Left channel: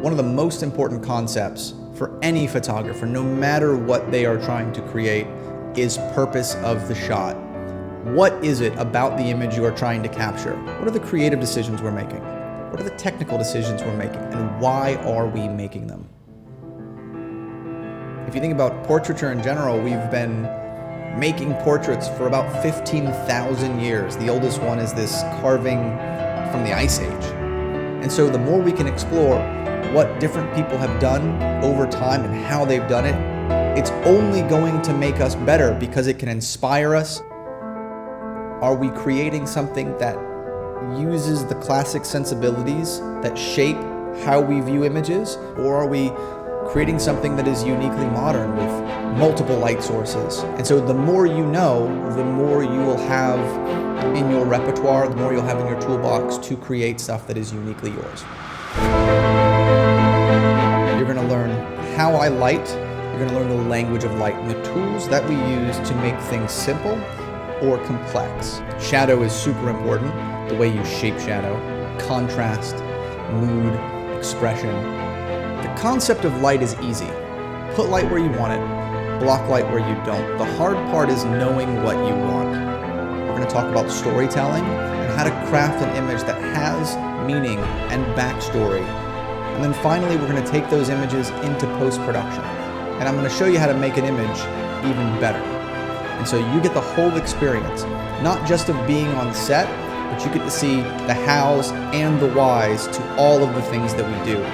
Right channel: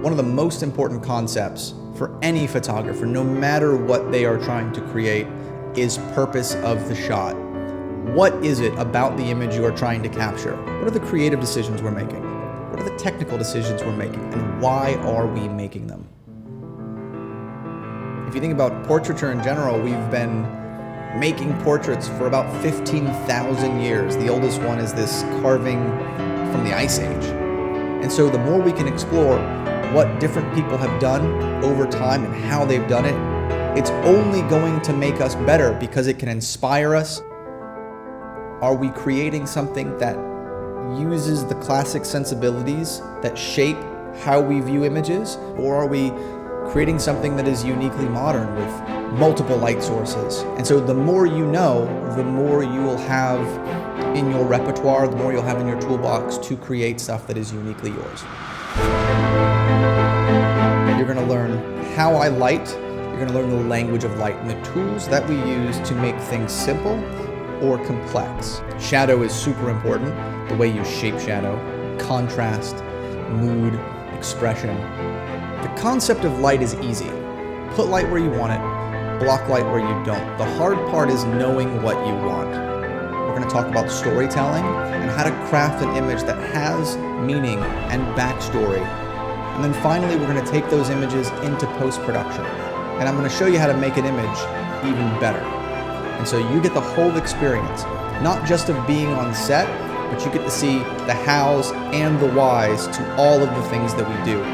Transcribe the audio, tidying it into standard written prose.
One of the most important concepts for any photographer, no matter what they are trying to create, is purpose of the shot. What is it about the image you are trying to capture? What are the creative decisions we're making? What are the technical decisions we're making? And why are we making them? If you think about portraiture in general, we've been making portraits for about 15,000 years. The oldest one is this carving from the Ice Age. And so the more we can explore what different people have done over time and how they've done it, it's only going to make us better because it can inspire us. Are we creating something that uses the classic sensibilities that shape how we view images? Or are we creating something that is uniquely modern with multiple light sources? And so the more you know, the more you will have in your repertoire, the more you'll have in your toolbox to create stuff that is uniquely yours. You're going to learn how I light, you're going to learn the language of light and the tools that we use to make things simple or complex. Shadow is super important, the way you shape shadow, contrast, mood, expression. The concept of light is easy. Put light where you want it, block light where you don't. The hard part is knowing what you want. We're going to talk about storytelling and how to craft an image that has meaning and backstory. And then finally, we're going to take those images into post-production. And I'm going to show you how to make an image even better. And so you get the whole experience, not just of being on set, but you get to see the hows and the whys to all of the things that we do.